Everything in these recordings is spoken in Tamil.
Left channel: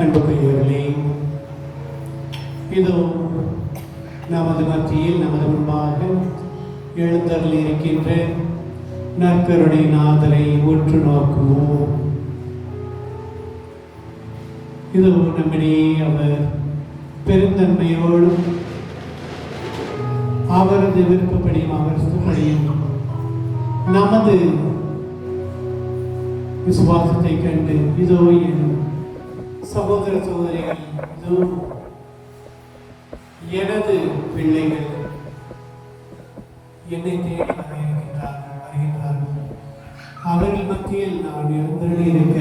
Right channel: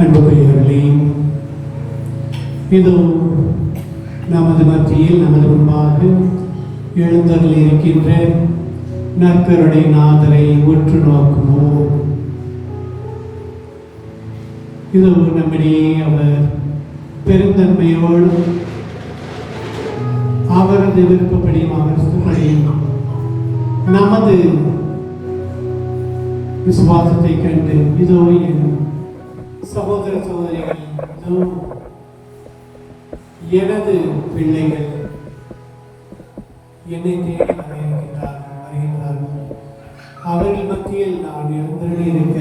அன்புக்குரியவர்களே, இதோ நமது மத்தியில் நமது முன்பாக எழுந்தருள் இருக்கின்ற நற்கருணை நாதரை உற்று நோக்குவோம். இதோ நம்மிடையே அவர் பெருந்தன்மையோடு அவரது விருப்பப்படி அவர்படி நமது விசுவாசத்தை கண்டு இதோ எனும் சகோதர சகோதரிகள், இதோ எனது பிள்ளைகள் என்னை தேடி வருகின்றார்கள். அவர்கள் மத்தியில் நான் எழுந்தருளி இருக்க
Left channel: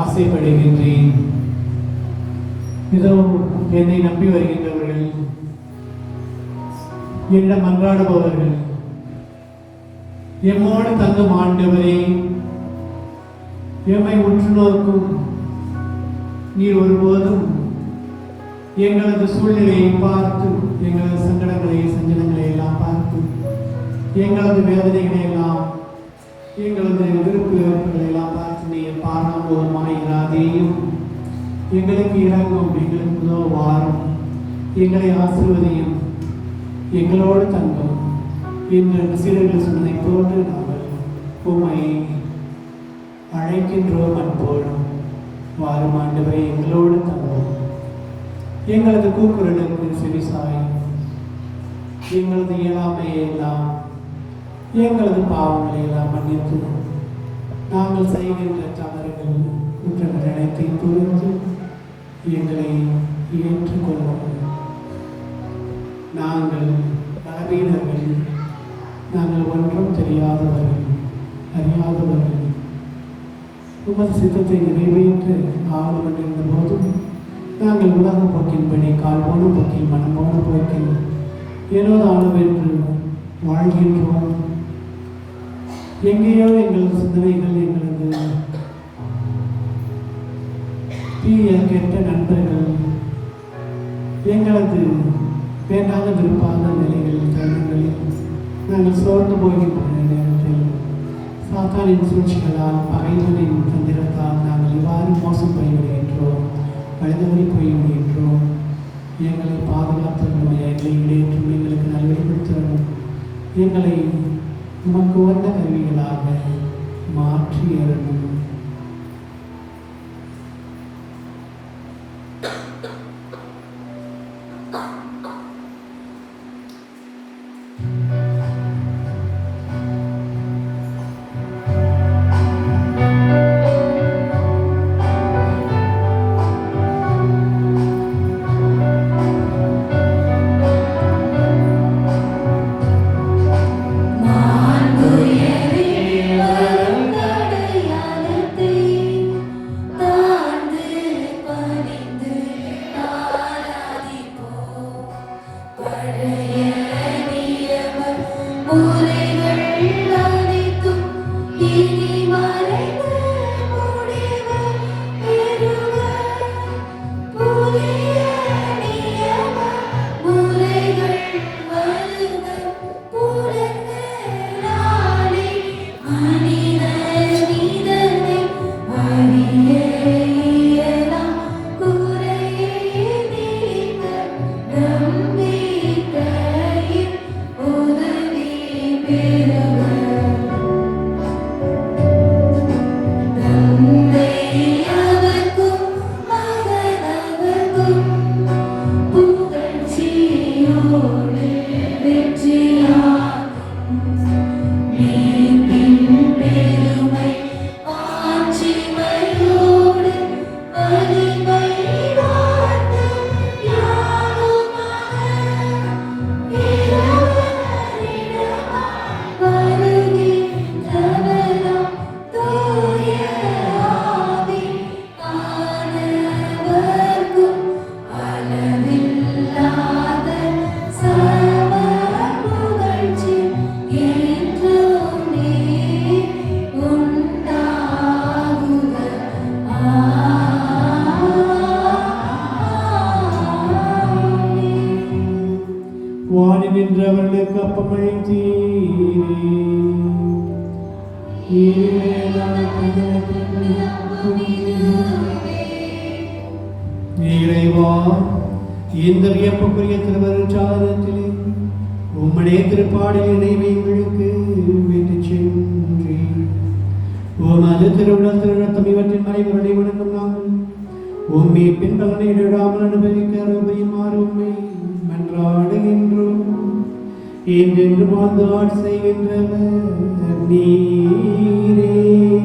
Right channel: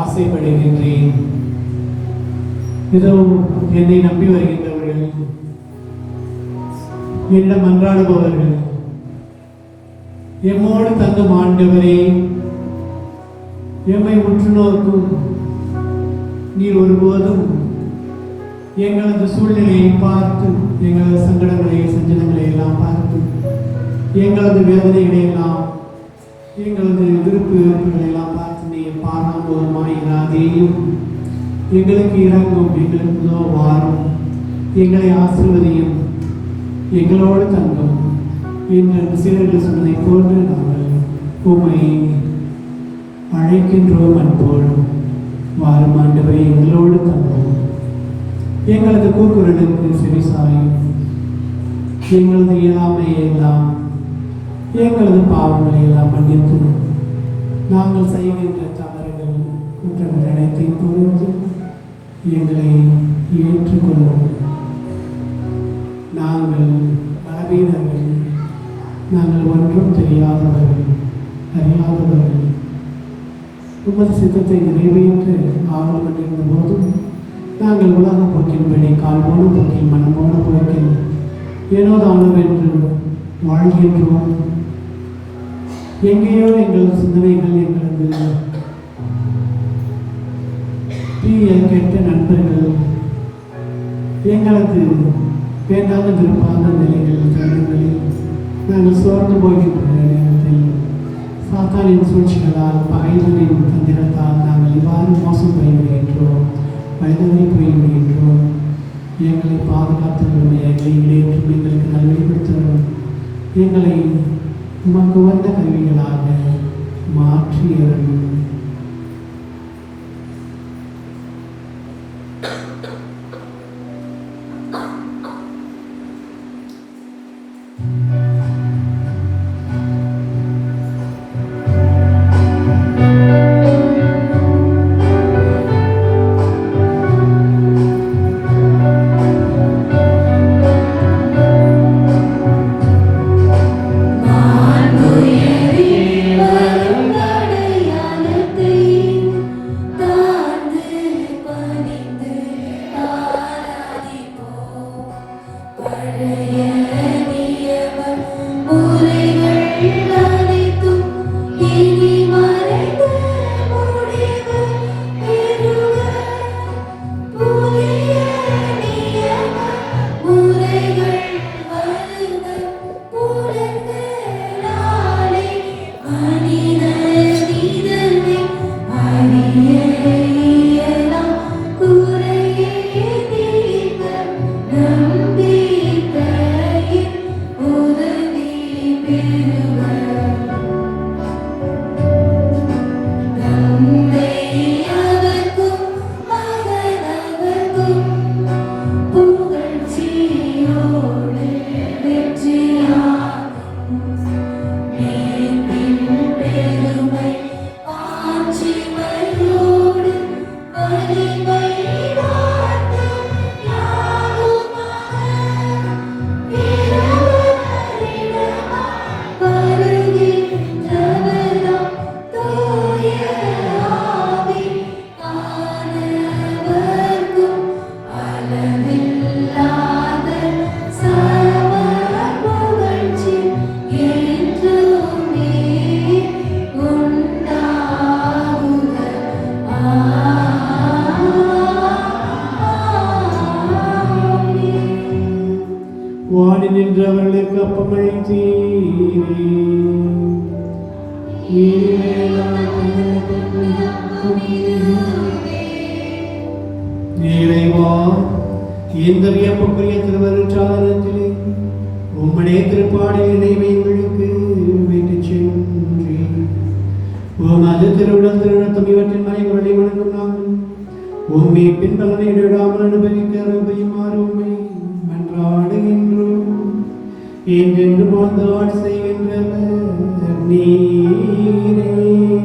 ஆசைப்படுகின்றேன். இதோ என்னை நம்பி வருகின்றவர்கள், என்னிடம் மன்றாடுபவர்கள், எம்மோடு தங்கும் ஆண்டவரே, எம்மை உற்று நோக்கும் நீர் ஒருபோதும் எங்களது சூழ்நிலையை பார்த்து, எங்களது சங்கடங்களை சஞ்சலங்களை எல்லாம் பார்த்து, எங்களது வேதனைகளை எல்லாம், எங்களது விருப்பு வெறுப்புகளை எல்லாம் பார்த்து நீர் பாராமுகமாயிராதேயும். எங்களுக்கு இறங்கும், எங்களுக்கு வாரும், எங்களை ஆசிர்வதியும், எங்களோடு தங்கும் என்று சீடர்கள் சொன்னதை போன்று நாங்கள் உம்மை அழைக்கின்றோம். அன்போடும் வாரும் ஆண்டவரே, எங்களோடு தங்கும், எங்களது கூக்குரலுக்கு செவிசாயும், எங்களது இயலாமையை எல்லாம், எங்களது பாவங்களை எல்லாம் மன்னித்து நாங்கள் செய்கின்ற தவறுகள் குற்றங்கள் அனைத்தையும் பொறுத்து எங்களை ஏற்றுக்கொள்வோம். நாங்கள் அறிவர்கள், நாங்கள் ஒன்றும் தெரியாதவர்கள், அறியாதவர்கள். உமது சித்தத்தை நிறைவேற்று ஆவலுடன் இருந்த போதும் நாங்கள் உலக போக்கின்படி காண்போடு போக்கில் மனமோடு போக்கில் ஏனோதானவென்று வாழ்கின்றோம். எங்கேயோ எங்களது சிந்தனைகள், எங்களது தீய கெட்ட நண்பர்கள், எங்களது வேண்டாத விருப்பான நிலைகள் கருங்களில் நாங்கள் சோர்ந்து போகின்ற நேரத்தில் சாத்தானின் சூழ்ச்சிகளால், பகைவனின் தந்திரத்தால் நாங்கள் இவ்வாறு மோசம் போய்விடுகின்றோம், வழிதவறி போய்விடுகின்றோம். எங்களை பாதுகாத்துள்ளோம், எங்களை இடையேற்றும், எங்களுக்கு நன்மை கொடுத்துள்ளோம். எங்களை உமக்கு வந்த கருவிகளாக மாற்றியவர்கள். வாடி நின்றவர்களுக்கு அப்பமளித்தீரே. இறைவா, இந்த வியப்புக்குரிய திருவருட்சாதனத்திலே உம்முடைய திருப்பாடல் இணைவைகளுக்கு விட்டுச் சென்றீர். உமது திருவிழம் திருவிழத்தம் இவற்றின் மறைகளை வணங்கும் நாங்கள் உம்மை பின்பலனை இடைவிடாமல் அனுபவிக்க அருள்புரியுமாறு உம்மை மன்றாடுகின்றோம். என்றென்று வாழ்ந்து ஆட்சி செய்கின்றவர் நீரே.